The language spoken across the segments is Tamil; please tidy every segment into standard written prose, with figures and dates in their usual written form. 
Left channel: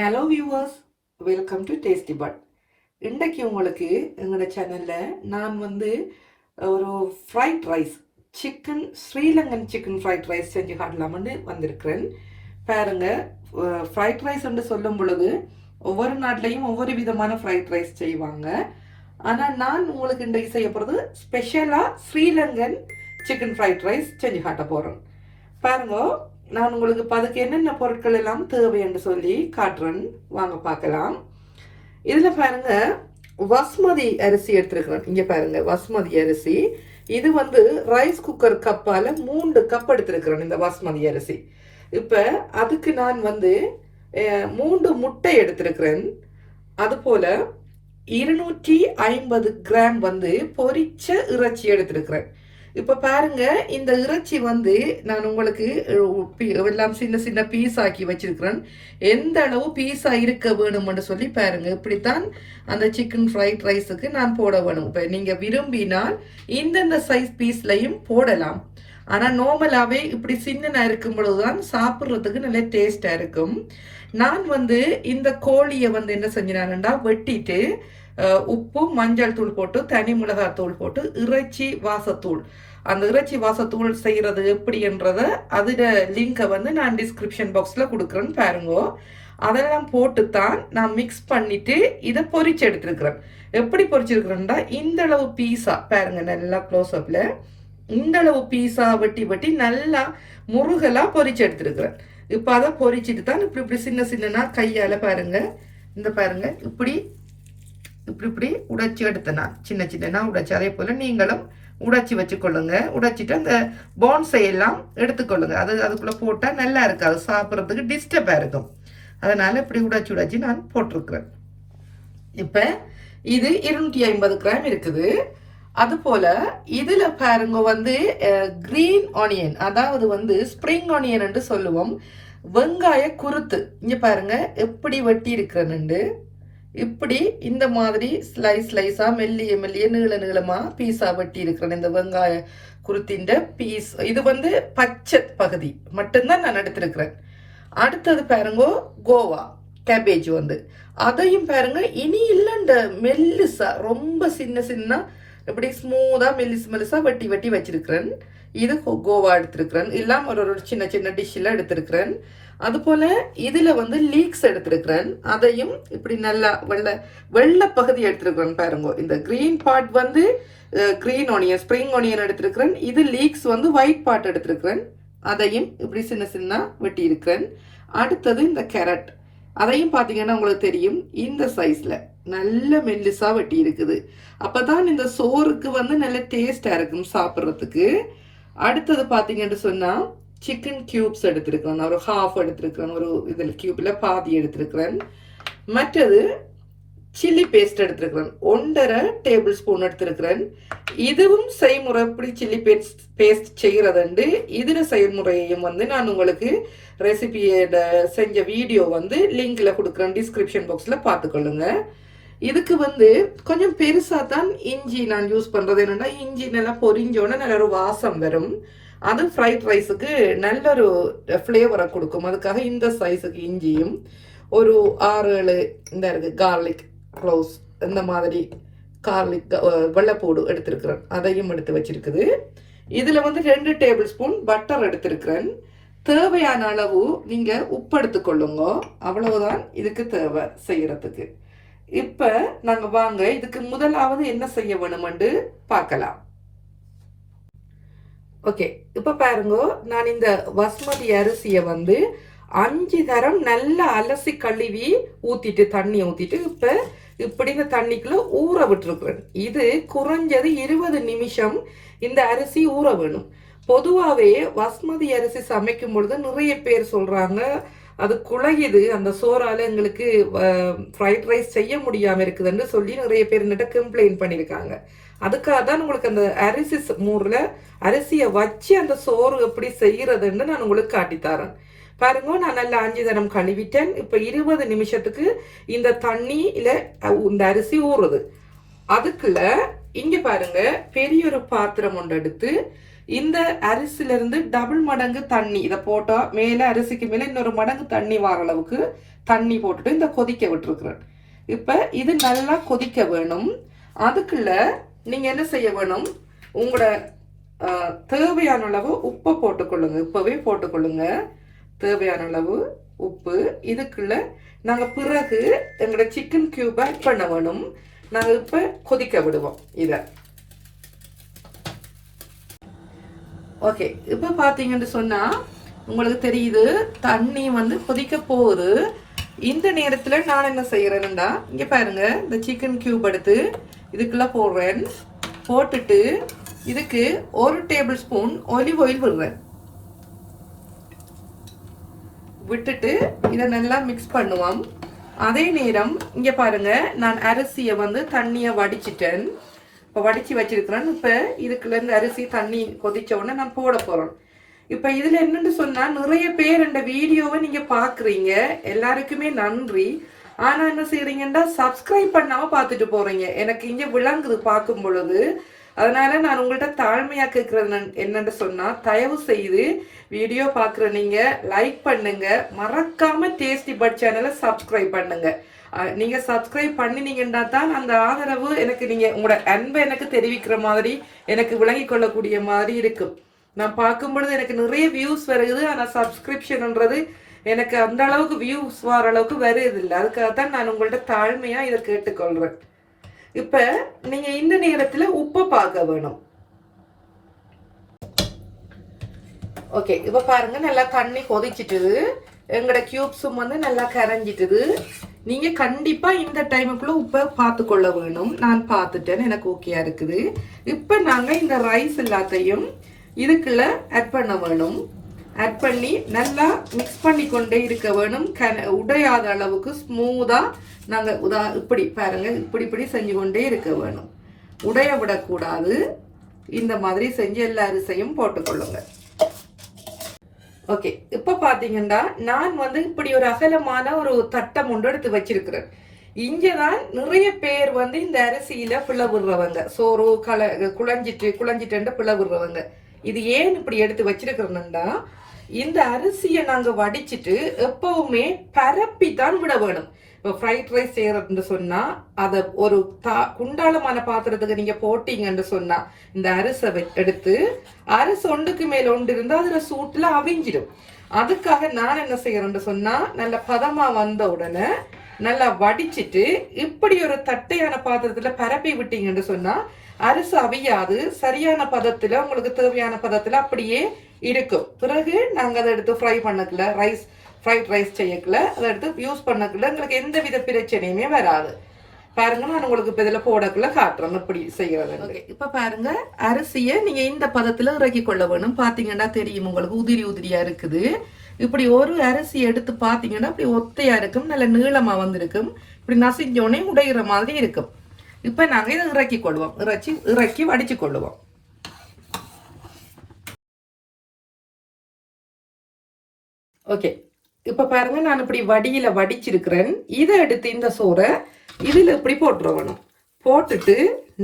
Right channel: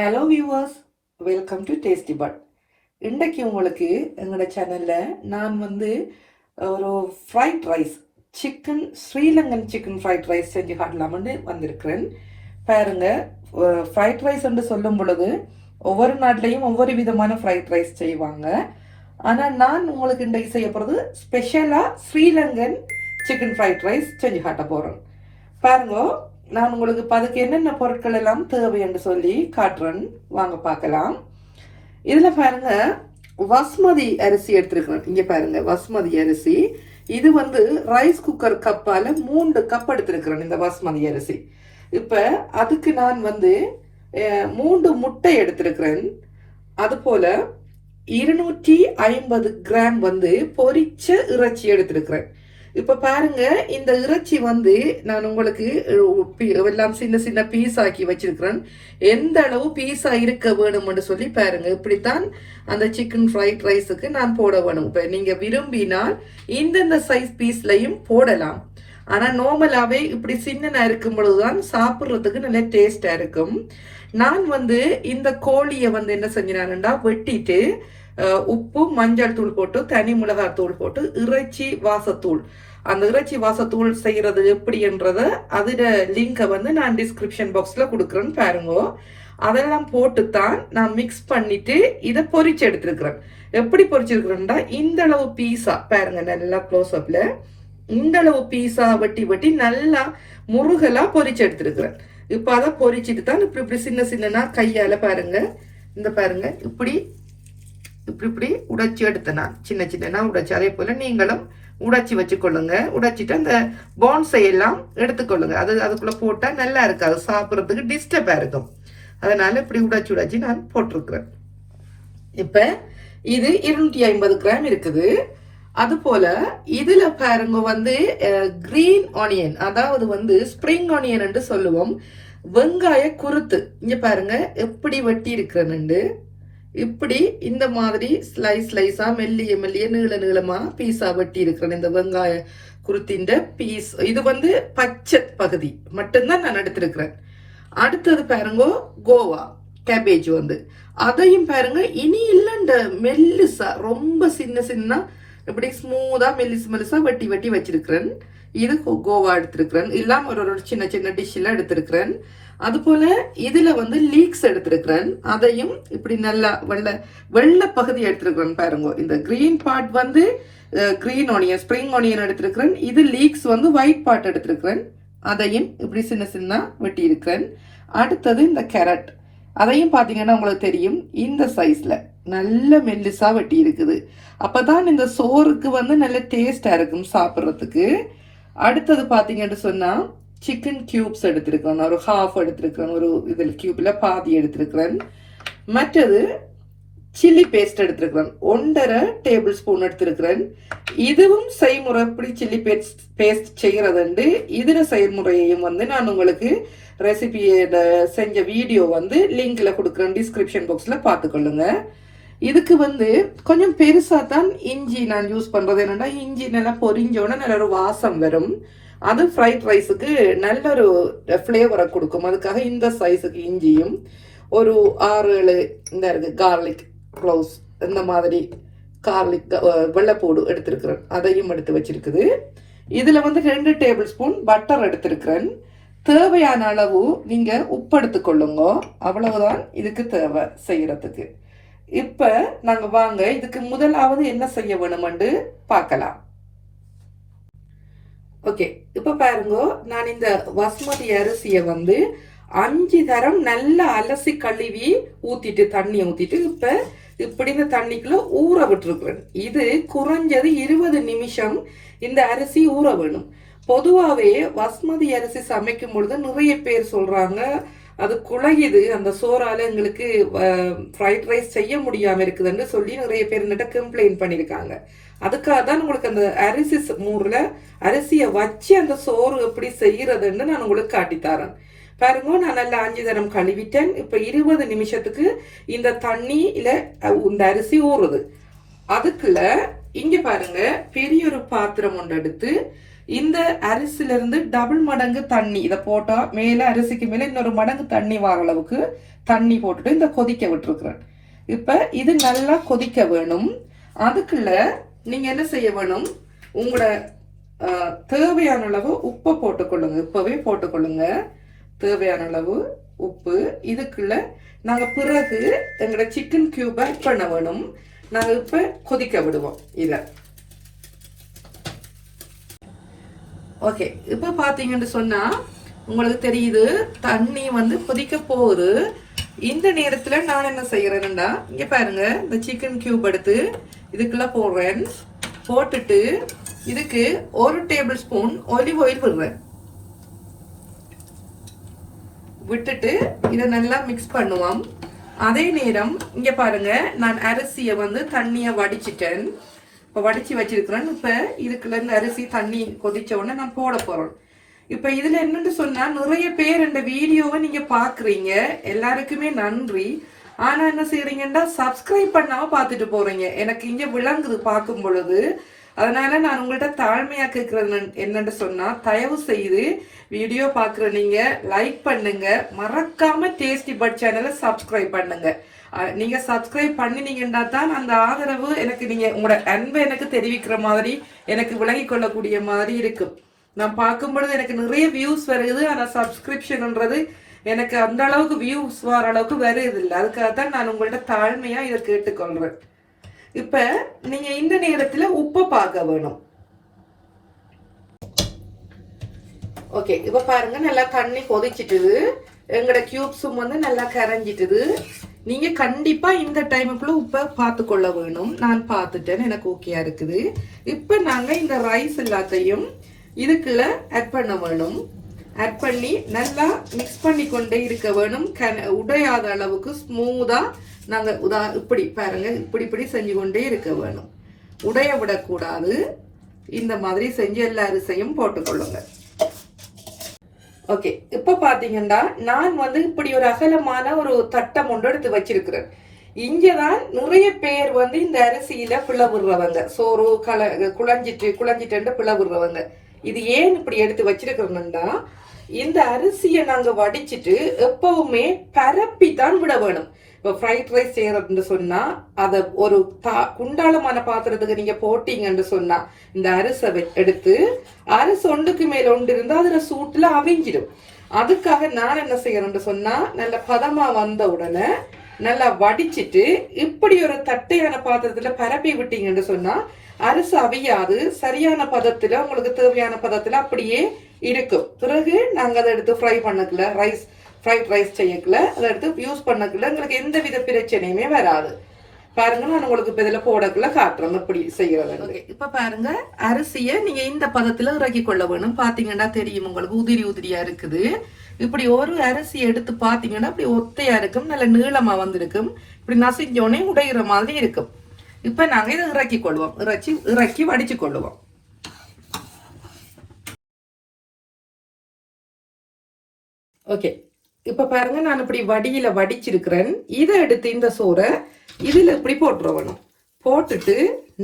Hello viewers, welcome to tasty bud. இன்றைக்கு உங்களுக்கு எங்களோட சேனலில் நான் ஒரு fried rice Sri Lankan chicken fried rice செஞ்சு காட்டலாம்னு வந்திருக்கிறேன். பாருங்க, ஃப்ரைட் ரைஸ் என்று சொல்லும் பொழுது ஒவ்வொரு நாட்டிலையும் ஒவ்வொரு விதமான ஃப்ரைட் ரைஸ் செய்வாங்க. ஆனால் நான் உங்களுக்கு இன்றைக்கு செய்ய போகிறது ஸ்பெஷலாக ஸ்ரீலங்கன் சிக்கன் ஃப்ரைட் ரைஸ் செஞ்சு காட்ட போகிறேன். பாருங்க, நான் உங்களுக்கு அதுக்கு என்னென்ன பொருட்கள் எல்லாம் தேவை என்று சொல்லி காட்டுறேன், வாங்க பார்க்கலாம். இதில் பாருங்க, வஸ்மதி அரிசி எடுத்துருக்கிறேன். இங்கே பாருங்க, வஸ்மதி அரிசி இது ரைஸ் குக்கர் கப்பால் 3 கப் எடுத்திருக்கிறேன் இந்த வஸ்மதி அரிசி. இப்போ அதுக்கு நான் 3 முட்டை எடுத்திருக்கிறேன். அதுபோல் 250 கிராம் பொரிச்ச இறைச்சி எடுத்திருக்கிறேன். இப்ப பாருங்க, இந்த இறைச்சி நான் உங்களுக்கு எல்லாம் சின்ன சின்ன பீஸ் ஆக்கி வச்சிருக்கிறேன். எந்த அளவு பீஸா இருக்க வேணும்னு சொல்லி பாருங்க. இப்படித்தான் அந்த சிக்கன் ஃப்ரைட் ரைஸுக்கு நான் போட வேணும். இப்ப நீங்க விரும்பினால் இந்தந்த சைஸ் பீஸ்லையும் போடலாம். ஆனா நார்மலாவே இப்படி சின்னனா இருக்கும் பொழுதுதான் சாப்பிட்றதுக்கு நல்ல டேஸ்டா இருக்கும். நான் இந்த கோழியை என்ன செஞ்சினான்டா, வெட்டிட்டு உப்பு மஞ்சள் தூள் போட்டு தனி மிளகாய் தூள் போட்டு இறைச்சி வாசத்தூள், அந்த இறைச்சி வாசத்தூள் செய்யறது எப்படின்றத அதோட லிங்கை நான் டிஸ்கிரிப்ஷன் பாக்ஸ்ல கொடுக்குறேன்னு பாருங்க. அதெல்லாம் போட்டுத்தான் நான் மிக்ஸ் பண்ணிட்டு இதை பொரிச்சு எடுத்திருக்கிறேன். எப்படி பொரிச்சிருக்கிறேன்டா, இந்த அளவு பீஸா பாருங்க, நல்லா க்ளோஸ் அப்ல இந்த அளவு பீஸா வெட்டி வெட்டி நல்லா முருகலா பொரிச்சு எடுத்திருக்கிறேன். இப்ப அதை பொரிச்சுட்டு தான் இப்படி இப்படி சின்ன சின்னனா கையால பாருங்க, இந்த பாருங்க இப்படி இப்படி உடைச்சி எடுத்த நான் சின்ன சின்னனா உடைச்சி. அதே போல நீங்களும் உடைச்சி வச்சுக்கொள்ளுங்க. உடைச்சிட்டு அந்த போன்ஸை எல்லாம் எடுத்துக்கொள்ளுங்க. அதுக்குள்ள போட்டா நல்லா இருக்காது, சாப்பிட்றதுக்கு டிஸ்டர்பா இருக்கும். அதனால இப்படி உடைச்சி நான் போட்டிருக்கிறேன். இப்ப இது 250 கிராம் இருக்குது. அது போல இதுல பாருங்க கிரீன் ஆனியன், அதாவது ஸ்ப்ரிங் ஆனியன் என்று சொல்லுவோம், வெங்காய குருத்து. இங்க பாருங்க எப்படி வெட்டி இருக்கிறேன்னு. இப்படி இந்த மாதிரி ஸ்லைஸா மெல்லிய மெல்லிய நீள நீளமா பீஸா வெட்டி இருக்கிறேன். இந்த வெங்காய குருத்தின் பீஸ் இது பச்சை பகுதி மட்டும்தான் நான் எடுத்திருக்கிறேன். அடுத்தது பாருங்க கோவா கேபேஜ், அதையும் பாருங்க இனி இல்லைண்ட மெல்லிசா ரொம்ப சின்ன சின்ன இப்படி ஸ்மூதா மெல்லிசா வெட்டி வெட்டி வச்சிருக்கிறேன். இது கோவா எடுத்திருக்கிறேன். இல்லாம ஒரு சின்ன சின்ன டிஷ்ல எடுத்திருக்கிறேன். அது போல இதுல லீக்ஸ் எடுத்திருக்கிறேன். அதையும் இப்படி நல்லா வெள்ளை பகுதி எடுத்திருக்கிறேன். பாருங்க, இந்த green part green onion spring onion எடுத்திருக்கிறேன். இது லீக்ஸ் ஒயிட் பார்ட் எடுத்திருக்கிறேன். அதையும் இப்படி சின்ன சின்ன வெட்டி இருக்கிறேன். அடுத்தது இந்த கேரட், அதையும் பாத்தீங்கன்னா உங்களுக்கு தெரியும், இந்த சைஸ்ல நல்ல மெல்லிசா வெட்டி இருக்குது. அப்பதான் இந்த சோறுக்கு நல்ல டேஸ்டா இருக்கும் சாப்பிட்றதுக்கு. அடுத்தது பாத்தீங்கன்னு சொன்னா சிக்கன் கியூப்ஸ் எடுத்திருக்கிறேன். ஒரு ஹாஃப் எடுத்திருக்கிறேன், ஒரு இதில் கியூப்ல பாதி எடுத்திருக்கிறேன். மற்றது சில்லி பேஸ்ட் எடுத்திருக்கிறேன், 1.5 டேபிள் ஸ்பூன் எடுத்திருக்கிறேன். இதுவும் செய்முறை எப்படி சில்லி பேஸ்ட் செய்யறதுண்டு இதுல செய்முறையையும் நான் உங்களுக்கு ரெசிபியோட செஞ்ச வீடியோ லிங்க்ல கொடுக்குறேன், டிஸ்கிரிப்ஷன் பாக்ஸ்ல பார்த்துக்கொள்ளுங்க. இதுக்கு கொஞ்சம் பெருசா தான் இஞ்சி நான் யூஸ் பண்றது. என்னன்னா, இஞ்சி நல்லா பொரிஞ்சோட நல்ல ஒரு வாசம் வரும். அது ஃப்ரைட் ரைஸுக்கு நல்ல ஒரு ஃப்ளேவரை கொடுக்கும். அதுக்காக இந்த சைஸுக்கு இஞ்சியும் ஒரு 6-7 இந்த இருக்கு கார்லிக் க்ளோவ்ஸ், இந்த மாதிரி கார்லிக் வெள்ளைப்பூடு எடுத்திருக்கிறேன். அதையும் எடுத்து வச்சிருக்குது. இதுல 2 டேபிள் ஸ்பூன் பட்டர் எடுத்திருக்கிறேன். தேவையான அளவு நீங்க உப்பு எடுத்துக்கொள்ளுங்க, அவ்வளவுதான் இதுக்கு தேவை செய்யறதுக்கு. இப்ப நாங்க வாங்க இதுக்கு முதலாவது என்ன செய்ய வேணும்னு பார்க்கலாம். ஓகே, இப்ப பாருங்க, நான் இந்த வஸ்மதி அரிசியை 5 தரம் நல்லா அலசி கழுவி ஊத்திட்டு தண்ணி ஊத்திட்டு இப்ப இப்படி இந்த தண்ணிக்குள்ள ஊற விட்டுருக்கிறேன். இது குறைஞ்சது 20 நிமிஷம் இந்த அரிசி ஊற வேணும். பொதுவாவே வஸ்மதி அரிசி சமைக்கும் பொழுது நிறைய பேர் சொல்றாங்க அது குழையுது, அந்த சோறால எங்களுக்கு ஃப்ரைட் ரைஸ் செய்ய முடியாம இருக்குதுன்னு சொல்லி நிறைய பேர் என்கிட்ட கம்ப்ளைண்ட் பண்ணிருக்காங்க. அதுக்காக தான் உங்களுக்கு அந்த அரிசி மூர்ல அரிசியை வச்சு அந்த சோறு எப்படி செய்யறதுன்னு நான் உங்களுக்கு காட்டித்தரேன். பாருங்க, நான் நல்லா 5 தரம் கழுவிட்டேன். இப்ப 20 நிமிஷத்துக்கு இந்த தண்ணியில இந்த அரிசி ஊறுது. அதுக்குள்ள இங்க பாருங்க, பெரிய ஒரு பாத்திரம் ஒன்று எடுத்து இந்த அரிசில இருந்து டபுள் மடங்கு தண்ணி இதை போட்டா மேல அரிசிக்கு மேல இன்னொரு மடங்கு தண்ணி வர அளவுக்கு தண்ணி போட்டுட்டு இந்த கொதிக்க விட்டுருக்குறேன். இப்போ இது நல்லா கொதிக்க வேணும். அதுக்குள்ள நீங்க என்ன செய்ய வேணும், உங்களோட தேவையான அளவு உப்பை போட்டுக்கொள்ளுங்க. இப்பவே போட்டுக்கொள்ளுங்க தேவையான அளவு உப்பு. இதுக்குள்ள நாங்க பிறகு எங்களோட சிக்கன் கியூப் ஆட் பண்ண வேணும். நாங்க இப்ப கொதிக்க விடுவோம் இத. ஓகே, இப்ப பாத்தீங்கன்னு சொன்னா உங்களுக்கு தெரியுது தண்ணி வந்து கொதிக்க போகுது. இந்த நேரத்துல நான் என்ன செய்யறேன்னா, இங்க பாருங்க, இந்த சிக்கன் கியூப் எடுத்து இதுக்குள்ள போடுறேன். போட்டுட்டு இதுக்கு 1 டேபிள் ஸ்பூன் ஆலிவ் ஆயில் விடுறேன். விட்டுட்டு இதை நல்லா மிக்ஸ் பண்ணுவோம். அதே நேரம் இங்க பாருங்க, நான் அரிசியை வந்து தண்ணியை வடிச்சிட்டேன். இப்போ வடிச்சு வச்சிருக்கிறேன். இப்போ இதுக்குள்ள இருந்து அரிசி தண்ணி கொதிச்ச உடனே நான் போட போறேன். இப்போ இதுல என்னன்னு சொன்னா, நிறைய பேர் இந்த வீடியோவை நீங்க பாக்குறீங்க, எல்லாருக்குமே நன்றி. ஆனா என்ன செய்யறீங்கன்னா, சப்ஸ்கிரைப் பண்ணாம பார்த்துட்டு போறீங்க. எனக்கு இங்க விளங்குது பார்க்கும் பொழுது. அதனால நான் உங்கள்கிட்ட தாழ்மையா கேட்கறது என்னன்னு சொன்னா, தயவு செய்து வீடியோ பாக்குற நீங்க லைக் பண்ணுங்க, மறக்காம டேஸ்டி பட் சேனலை சப்ஸ்கிரைப் பண்ணுங்க. நீங்க சப்ஸ்கிரைப் பண்ணினீங்கன்னா தான் அந்த ஆதரவு எனக்கு, நீங்க உங்களோட அன்பை எனக்கு தெரிவிக்கிற மாதிரி, எனக்கு விளங்கி கொள்ளக்கூடிய மாதிரி இருக்கும். நான் பார்க்கும் பொழுது எனக்கு நிறைய வியூஸ் வருது, ஆனா சப்ஸ்கிரிப்ஷன்ன்றது எனக்கு அந்த அளவுக்கு வியூஸ் வர அளவுக்கு வருது இல்லை. அதுக்காக தான் நான் உங்கள்ட்ட தாழ்மையா இதை கேட்டுக்கொள்றேன். இப்ப நீங்க இந்த நேரத்துல உப்பு பார்க்க வேணும். ஓகே, இப்ப பாருங்க, நல்லா தண்ணி கொதிச்சிட்டுது. எங்களோட கியூப்ஸும் வந்து நல்லா கரைஞ்சிட்டுது. நீங்க கண்டிப்பா இந்த டைமுக்குள்ள உப்பை பார்த்து கொள்ள வேணும். நான் பார்த்துட்டேன், எனக்கு ஓகேயா இருக்குது. இப்ப நாங்க இந்த ரைஸ் எல்லாத்தையும் இதுக்குள்ள ஆட் பண்ண வேணும். ஆட் பண்ணி நல்லா மிக்ஸ் பண்ணி கொண்டே இருக்க வேணும். உடையாத அளவுக்கு ஸ்மூதா நாங்க இப்படி பாருங்க, இப்படி இப்படி செஞ்சு கொண்டே இருக்க வேணும். உடைய விடக்கூடாது. இந்த மாதிரி செஞ்சு எல்லா அரிசியும் போட்டுக்கொள்ளுங்க. ஓகே, இப்ப பாத்தீங்கன்னா நான் வந்து இப்படி ஒரு அகலமான ஒரு தட்டம் ஒன்று எடுத்து வச்சிருக்கிறேன். இங்கதான் நிறைய பேர் வந்து இந்த அரிசியில பிளவுறவங்க, சோறு குழஞ்சிட்டு பிளவுறவங்க. இது ஏன் இப்படி எடுத்து வச்சிருக்கிறோம்னா, இந்த அரிசியை நாங்க வடிச்சிட்டு எப்பவுமே பரப்பி தான் விட வேணும். இப்போ ஃப்ரைட் ரைஸ் செய்யறதுன்னு சொன்னா, அதை ஒரு குண்டாளமான பாத்திரத்துக்கு நீங்க போட்டீங்கன்னு சொன்னா, இந்த அரிசை எடுத்து அரிசி ஒன்றுக்கு மேல ஒன்று இருந்தா அதுல சூட்டுல அவிஞ்சிடும். அதுக்காக நான் என்ன செய்யறேன்னு சொன்னா, நல்ல பதமா வந்த உடனே நல்லா வடிச்சிட்டு இப்படி ஒரு தட்டையான பாத்திரத்துல பரப்பி விட்டீங்கன்னு சொன்னா அரிசி அவியாது, சரியான பதத்துல, உங்களுக்கு தேவையான பதத்துல அப்படியே இருக்கும். பிறகு நாங்க அதை எடுத்து ஃப்ரை பண்ணக்கல, ஃப்ரைட் ரைஸ் செய்யக்கல, அதை எடுத்து யூஸ் பண்ணக்கல, உங்களுக்கு எந்த வித பிரச்சனையுமே வராது. பாருங்க, நான் உங்களுக்கு இப்ப இதுல போடக்குள்ள காட்டுறேன் எப்படி செய்யறது. இப்ப பாருங்க, அரிசியை நீங்க இந்த பதத்துல இறக்கி கொள்ள வேணும். பாத்தீங்கன்னா தெரியும் உங்களுக்கு, உதிரி உதிரியா இருக்குது. இப்படி ஒரு அரிசி எடுத்து பாத்தீங்கன்னா அப்படி ஒத்தையா இருக்கும், நல்ல நீளமா வந்திருக்கும். இப்படி நசிஞ்சோடனே உடையிற மாதிரி இருக்கும். இப்ப நாங்க இதை இறக்கி கொள்வோம், இறக்கி வடிச்சு கொள்ளுவோம். ஓகே, இப்ப பாருங்க, நான் இப்படி வடியில வடிச்சிருக்கிறேன். இதை எடுத்து இந்த சோறை இதுல இப்படி போட்டுற வேணும். போட்டுட்டு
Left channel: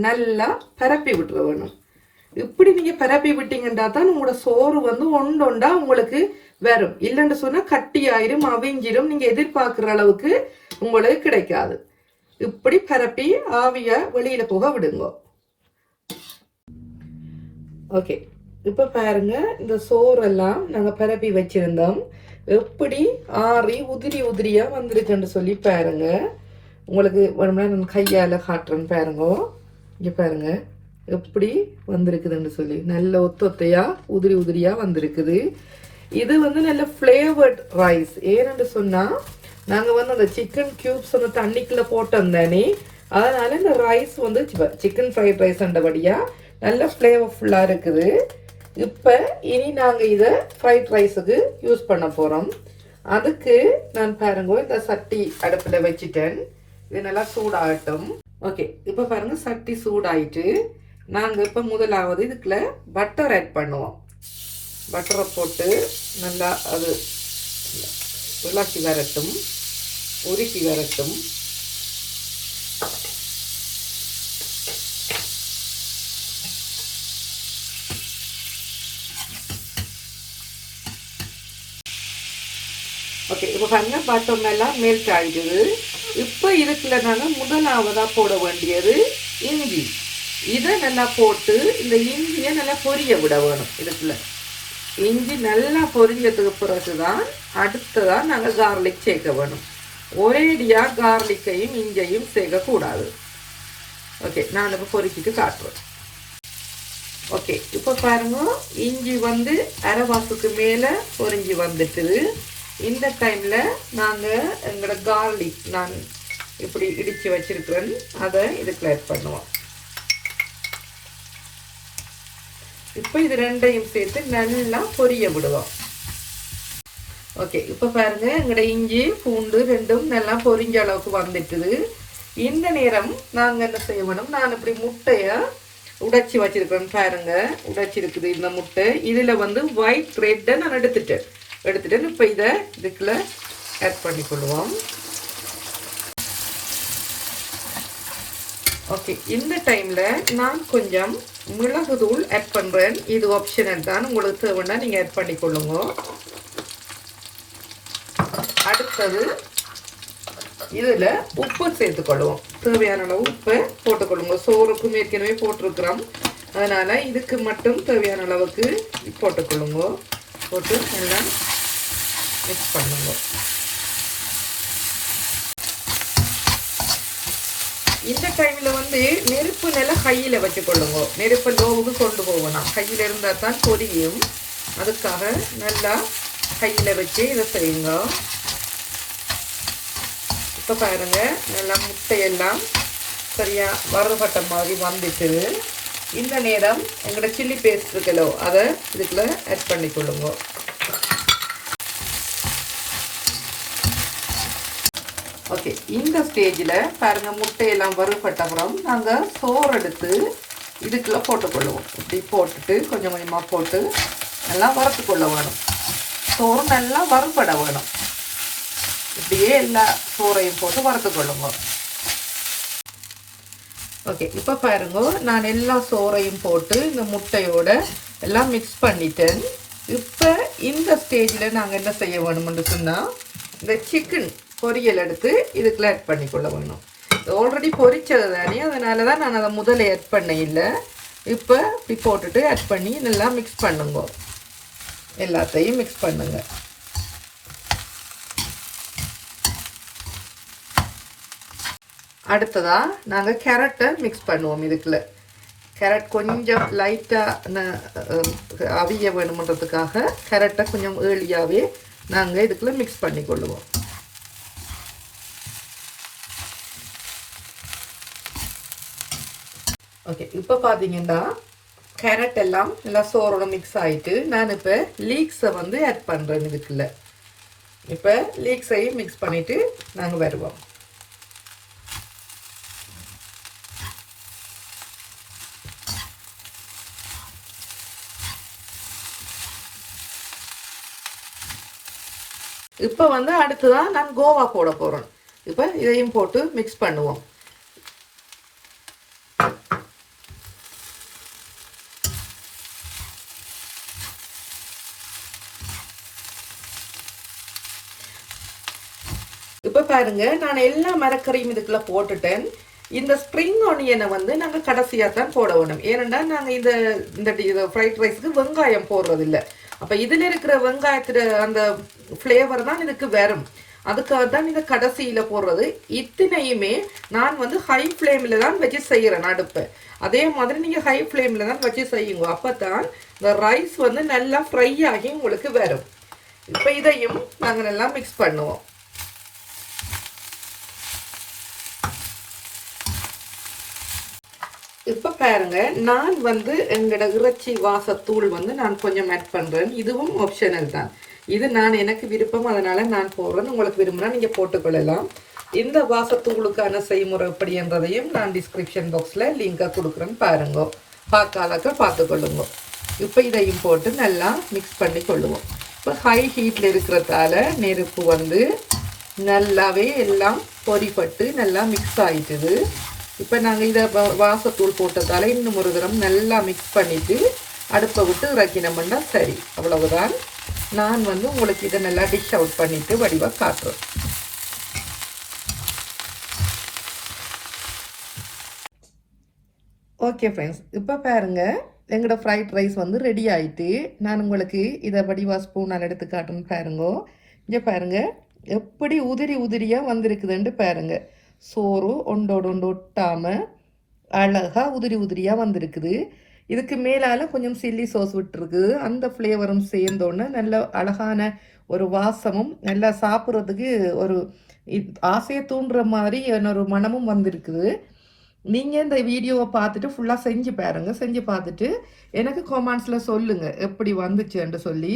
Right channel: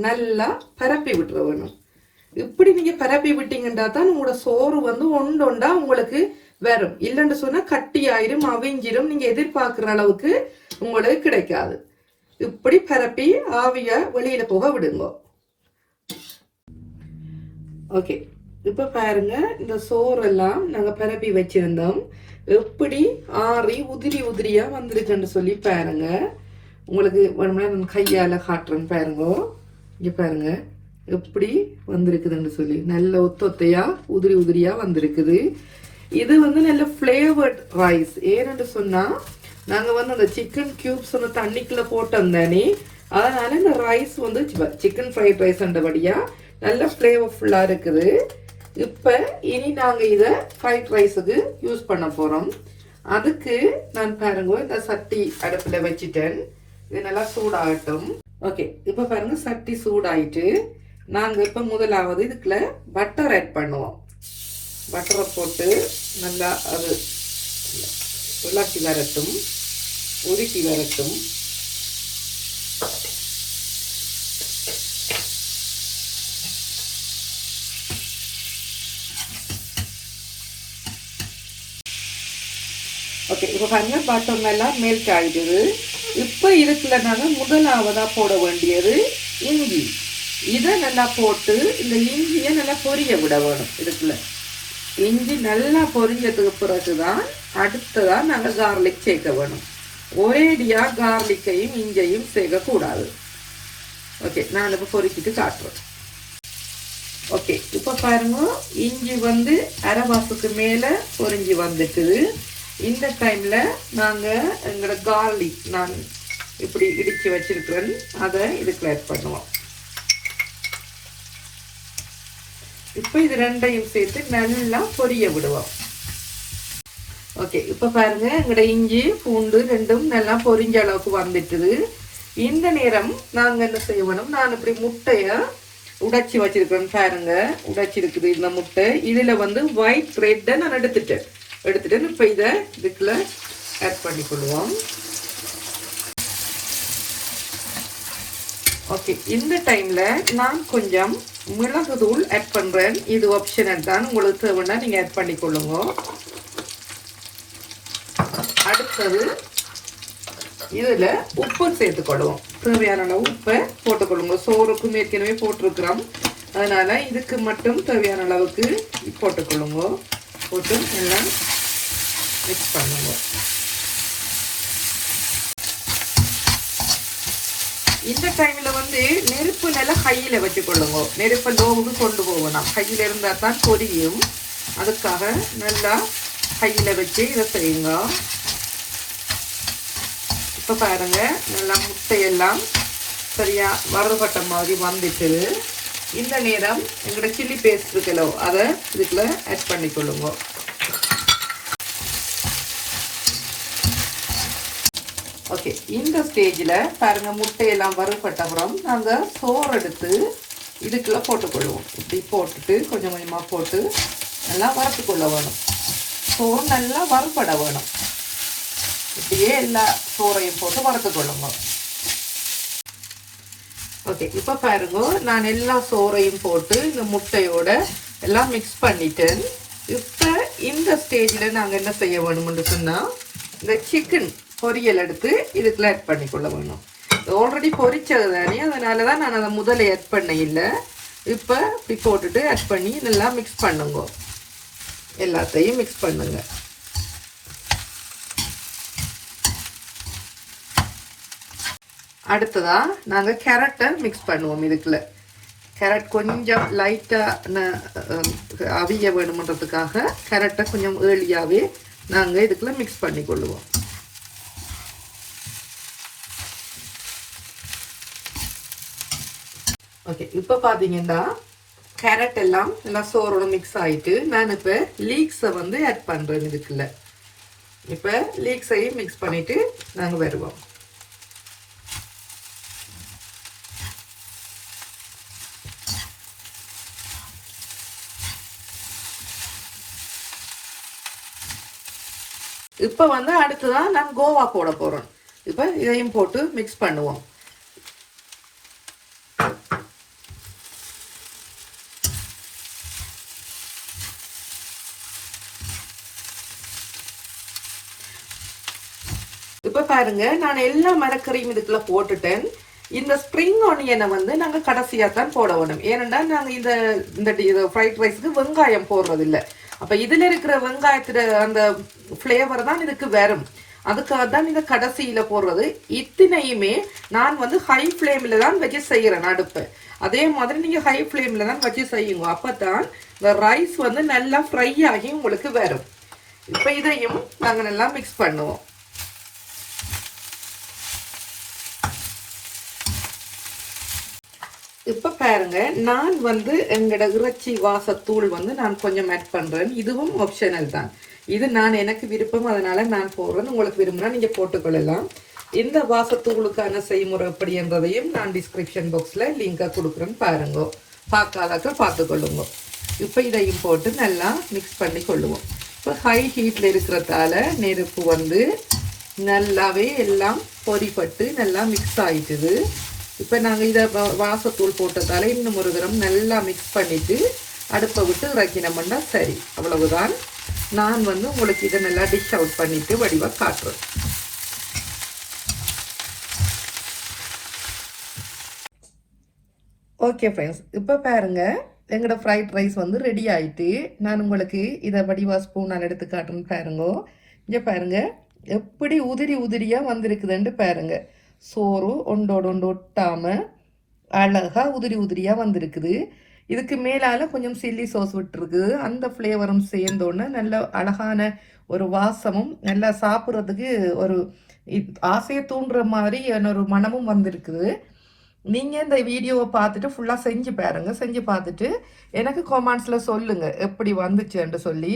நல்லா பரப்பி விட்டுற வேணும். இப்படி நீங்க பரப்பி விட்டீங்கன்னா தான் உங்களோட சோறு வந்து ஒண்டொண்டா உங்களுக்கு வரும். இல்லைன்னு சொன்னா கட்டி ஆயிரும், அவிஞ்சிரும், நீங்க எதிர்பார்க்கிற அளவுக்கு உங்களுக்கு கிடைக்காது. இப்படி பரப்பி ஆவிய வெளியில போக விடுங்க. ஓகே, இப்ப பாருங்க, இந்த சோறெல்லாம் நாங்க பரப்பி வச்சிருந்தோம். எப்படி ஆறி உதிரி உதிரியா வந்துருச்சுன்னு சொல்லி பாருங்க. உங்களுக்கு நான் கையால காட்டுறேன் பாருங்க. இங்க பாருங்க எப்படி வந்திருக்குதுன்னு சொல்லி, நல்ல ஒத்தொத்தையா உதிரி உதிரியா வந்திருக்குது. இது வந்து நல்ல ஃபிளேவர்ட் ரைஸ். ஏன்னு சொன்னா, நாங்க வந்து அந்த சிக்கன் கியூப்ஸ் வந்து தண்ணிக்குள்ள போட்டோம் தானே, அதனால இந்த ரைஸ் வந்து சிக்கன் ஃப்ரைட் ரைஸ் அண்டபடியா நல்ல ஃபிளேவர்ஃபுல்லா இருக்குது. இப்ப இனி நாங்க இத ஃப்ரைட் ரைஸுக்கு யூஸ் பண்ண போறோம். அதுக்கு நான் பாருங்க, இந்த சட்டி அடுப்புல வச்சுட்டேன். இது நல்லா சூடாகட்டும். ஓகே, இப்ப பாருங்க, சட்டி சூடாயிட்டு நாங்க இப்ப முதலாவது இதுக்குள்ள பட்டர் ஆட் பண்ணுவோம். பட்டரை போட்டு நல்லா அது உருக்கி வரட்டும். ஓகே, இப்ப இப்போ பாருங்க பட்டம் எல்லாம் மெல்ட் ஆகிடுது. இப்போ இதுக்குள்ள நாங்கள் முதலாவதாக போட வேண்டியது இஞ்சி. இதை நல்லா போட்டு இந்த இஞ்சியை நல்லா பொரிய விட வேணும். இதுக்குள்ள இஞ்சி நல்லா பொரியதுக்கு பிறகு தான் அடுத்ததான் நாங்கள் கார்லிக் சேர்க்க வேணும். ஒரேடியாக கார்லிக்கையும் இஞ்சையும் சேர்க்கக்கூடாது. ஓகே, நான் இப்போ பொரிச்சிட்டு காட்டுறேன். ஓகே, இப்போ பாருங்க இஞ்சி வந்து அரைவாசத்துக்கு மேலே பொரிஞ்சி வந்துட்டுது. இந்த டைமில் நாங்கள் எங்களோட கார்லிக் நான் இப்படி இடித்து வச்சிருக்கிறேன், அதை இதுக்கு ஆட் பண்ணுவோம். இப்போ இது ரெண்டையும் சேர்த்து நல்லா பொரிய விடுவோம். ஓகே, இப்போ பாருங்க எங்களோட இஞ்சி பூண்டு ரெண்டும் நல்லா பொரிஞ்ச அளவுக்கு வந்துட்டுது. இந்த நேரம் நாங்கள் என்ன செய்ய வேணும், நான் இப்படி முட்டையை உடைச்சி வச்சிருக்கிறேன் பாருங்க, உடைச்சிருக்குது இந்த முட்டை. இதில் வந்து ஒயிட் பிரெட்டை நான் எடுத்துட்டு இப்போ இதை இதுக்குள்ள ஆட் பண்ணிக்கொள்வோம். ஓகே, இந்த டைம்ல நான் கொஞ்சம் மிளகு தூள் ஆட் பண்றேன். இது ஆப்ஷனல் தான், உங்களுக்கு தேவைன்னா நீங்க ஆட் பண்ணிக்கொள்ளுங்க. அடுத்தது இதுல உப்பு சேர்த்துக்கொள்வோம். தேவையான அளவு உப்பை போட்டுக்கொள்ளுங்க. சோறுக்கும் ஏற்கனவே போட்டிருக்கிறோம், அதனால இதுக்கு மட்டும் தேவையான அளவுக்கு போட்டுக்கொள்ளுங்க. போட்டு எல்லாம் மிக்ஸ் பண்ணுங்க. இந்த டைம்ல வந்து நெருப்பு நல்லா கையில வச்சுக்கொள்ளுங்க. நெருப்பு லோவுக்கு கொண்டு போகணும், கையில இருந்தா தான் பொரியும். அதுக்காக நல்லா கையில வச்சு இதை செய்யுங்க. இப்ப பாருங்க நல்லா முட்டையெல்லாம் சரியா வறுபட்ட மாதிரி வந்துட்டு. இந்த நேரம் எங்களோட சில்லி பேஸ்ட் இருக்கலோ அதை இதுக்குள்ள ஆட் பண்ணிக்கொள்ளுங்க. ஓகே, இந்த ஸ்டேஜில் பாருங்க முட்டையெல்லாம் வறுபட்ட அப்புறம் நாங்கள் சோறு எடுத்து இதுக்குள்ள போட்டுக்கொள்ளுவோம். இப்படி போட்டுட்டு கொஞ்சம் கொஞ்சமாக போட்டு நல்லா வறுத்துக்கொள்ள வேணும். சோறு நல்லா வறுபட வேணும். இப்படியே எல்லா சோறையும் போட்டு வறுத்துக்கொள்ளுங்க. ஓகே, இப்போ பாருங்க நான் எல்லா சோறையும் போட்டு இந்த முட்டையோட எல்லாம் மிக்ஸ் பண்ணிட்டேன். இப்போ இந்த ஸ்டேஜில் நாங்கள் என்ன செய்ய வேணும்னு சொன்னால் இந்த சிக்கன் பொரியல் எடுத்து இதுக்குள்ள ஆட் பண்ணிக்கொள்ள வேணும். ஆல்ரெடி பொரிச்சது தானே, அதனால தான் நான் அதை முதல்ல ஆட் பண்ண இல்லை. இப்போ இப்படி போட்டுட்டு ஆட் பண்ணி நல்லா மிக்ஸ் பண்ணுங்க. எல்லாத்தையும் மிக்ஸ் பண்ணுங்க. அடுத்ததா நாங்கள் கேரட்டை மிக்ஸ் பண்ணுவோம். இதுக்குள்ள கேரட் கொஞ்சம் லைட்டாக அவிய வேணுமன்றதுக்காக கேரட்டை கொஞ்சம் ஏர்லியாகவே நாங்கள் இதுக்குள்ள மிக்ஸ் பண்ணி கொள்ளுவோம். ஓகே, இப்போ பார்த்தீங்கன்னா கேரட் எல்லாம் நல்லா சோறோட மிக்ஸ் ஆகிட்டு நான் இப்போ லீக்ஸை வந்து ஆட் பண்ணுறேன் இதுக்குள்ள. இப்போ லீக்ஸையும் மிக்ஸ் பண்ணிட்டு நாங்கள் வருவோம். இப்போ வந்து அடுத்ததான் நான் கோவா போட போகிறோம். இப்போ இதையும் போட்டு மிக்ஸ் பண்ணுவோம். இப்போ பாருங்க நான் எல்லா மரக்கறியும் இதுக்குள்ள போட்டுட்டேன். இந்த ஸ்ப்ரிங் ஆனியனை வந்து நாங்கள் கடைசியாக தான் போட வேணும். ஏனெண்டா நாங்கள் இந்த ஃப்ரைட் ரைஸ்க்கு வெங்காயம் போடுறதில்லை. அப்போ இதில் இருக்கிற வெங்காயத்தில் அந்த ஃப்ளேவர் தான் இதுக்கு வரும். அதுக்காக தான் இந்த கடைசியில் போடுறது. இத்தனையுமே நான் வந்து ஹை ஃப்ளேமில் தான் வச்சு செய்கிறேன் அடுப்பு. அதே மாதிரி நீங்கள் ஹை ஃப்ளேமில் தான் வச்சு செய்யுங்க. அப்போ தான் இந்த ரைஸ் வந்து நல்லா ஃப்ரை ஆகி உங்களுக்கு வரும். இப்போ இதையும் நாங்கள் நல்லா மிக்ஸ் பண்ணுவோம். இப்போ பாருங்க நான் வந்து எங்களோட இறைச்சி வாசத்தூள் வந்து நான் கொஞ்சம் ஆட் பண்ணுறேன். இதுவும் ஆப்ஷனல் தான். இது நான் எனக்கு விருப்பம், அதனால நான் போடுறேன். உங்களுக்கு விரும்பினா நீங்கள் போட்டுக்கொள்ளலாம். இந்த வாசத்தூளுக்கான செய்முறை எப்படின்றதையும் நான் டிஸ்கிரிப்ஷன் பாக்ஸில் லிங்காக கொடுக்குறேன், பாருங்க. பார்க்காதக்க பார்த்துக்கொள்ளுங்க. இப்போ இதையும் போட்டு நல்லா மிக்ஸ் பண்ணி கொள்ளுவோம். இப்போ ஹை ஹீட்டில் இருக்கிறதால நெருப்பு வந்து நல்லாவே எல்லாம் பொரிப்பட்டு நல்லா மிக்ஸ் ஆகிட்டுது. இப்போ நாங்கள் இதை வாசத்தூள் போட்டதால இன்னும் ஒரு தரம் நல்லா மிக்ஸ் பண்ணிவிட்டு அடுப்பை விட்டு இறக்கினோம்னா சரி, அவ்வளவுதான். நான் வந்து உங்களுக்கு இதை நல்லா டிஷ் அவுட் பண்ணிட்டு வடிவாக காட்டுறேன். ஓகே ஃப்ரெண்ட்ஸ், இப்போ பாருங்க எங்களோட ஃப்ரைட் ரைஸ் வந்து ரெடி ஆயிட்டு நான் உங்களுக்கு இதை வடிவா ஸ்பூன் நான் எடுத்து காட்டுன்னு பாருங்க. இங்கே பாருங்க எப்படி உதிரி உதிரியாக வந்திருக்குதுன்ட்டு பாருங்க. சோறு ஒன்றோடு ஒன்று ஒட்டாமல் அழகாக உதிரி உதிரியாக வந்திருக்குது. இதுக்கு மேலால் கொஞ்சம் சில்லி சோஸ் விட்டுருக்குது. அந்த ஃப்ளேவரும் சேர்ந்தோன்னே நல்ல அழகான ஒரு வாசமும் நல்லா சாப்பிட்றதுக்கு ஒரு ஆசையை தூண்டுற மாதிரி ஒரு மனமும் வந்திருக்குது. நீங்கள் இந்த வீடியோவை பார்த்துட்டு ஃபுல்லாக செஞ்சு பாருங்க. செஞ்சு பார்த்துட்டு எனக்கு கமெண்ட்ஸில் சொல்லுங்கள் எப்படி வந்துச்சுன்னு சொல்லி.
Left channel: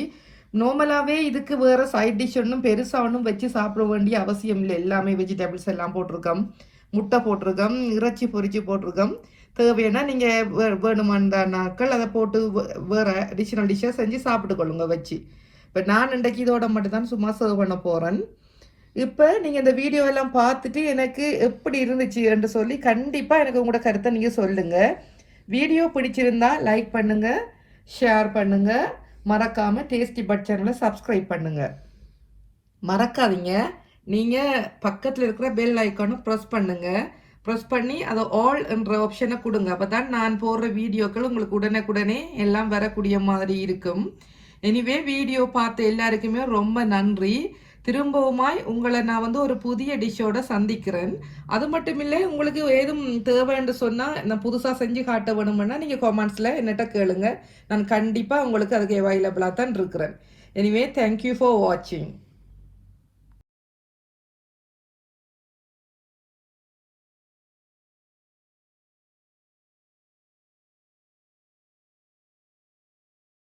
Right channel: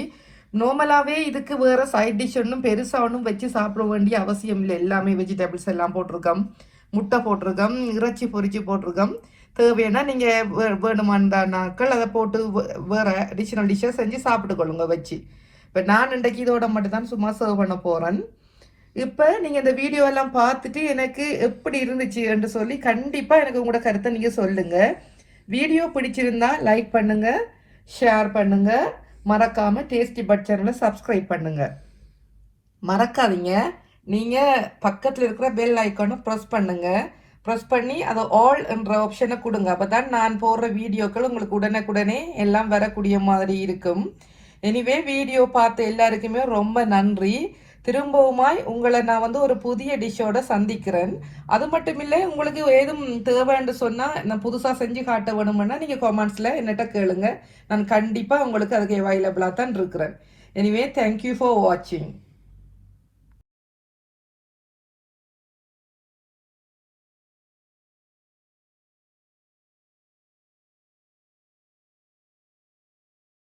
நார்மலாகவே இதுக்கு வேறு சைட் டிஷ் ஒன்றும் பெருசாக ஒன்றும் வச்சு சாப்பிட வேண்டிய அவசியம் இல்லை. எல்லாமே வெஜிடபிள்ஸ் எல்லாம் போட்டிருக்கோம், முட்டை போட்டிருக்கோம், இறைச்சி பொரிச்சு போட்டிருக்கோம். தேவைன்னா நீங்கள் வேணுமான நாட்கள் அதை போட்டு வேறு அடிஷ்னல் டிஷ்ஷை செஞ்சு சாப்பிட்டுக்கொள்ளுங்க வச்சு. இப்போ நான் இன்றைக்கு இதோட மட்டும்தான் சும்மா சர்வ் பண்ண போகிறேன். இப்போ நீங்கள் இந்த வீடியோ எல்லாம் பார்த்துட்டு எனக்கு எப்படி இருந்துச்சு என்று சொல்லி கண்டிப்பாக எனக்கு உங்களோட கருத்தை நீங்கள் சொல்லுங்கள். வீடியோ பிடிச்சிருந்தா லைக் பண்ணுங்கள், ஷேர் பண்ணுங்கள், மறக்காமல் டேஸ்டி பட் சேனலை சப்ஸ்கிரைப் பண்ணுங்கள். மறக்காதீங்க, நீங்கள் பக்கத்தில் இருக்கிற பெல் ஐக்கானை ப்ரெஸ் பண்ணுங்கள். ப்ரெஸ் பண்ணி அதை ஆல் என்ற ஆப்ஷனை கொடுங்க. அப்போ தான் நான் போடுற வீடியோக்கள் உங்களுக்கு உடனுக்குடனே எல்லாம் வரக்கூடிய மாதிரி இருக்கும். எனிவே வீடியோ பார்த்த எல்லாருக்குமே ரொம்ப நன்றி. திரும்பவுமாய் உங்களை நான் வந்து ஒரு புதிய டிஷ்ஷோட சந்திக்கிறேன். அது மட்டும் இல்லை, உங்களுக்கு ஏதும் தேவைன்னு சொன்னால் நான் புதுசாக செஞ்சு காட்ட வேணுமென்னா நீங்கள் கமெண்ட்ஸில் என்னட்ட கேளுங்க. நான் கண்டிப்பாக உங்களுக்கு அதுக்கு அவைலபிளாக தான் இருக்கிறேன். எனிவே தேங்க்யூ ஃபார் வாட்சிங்.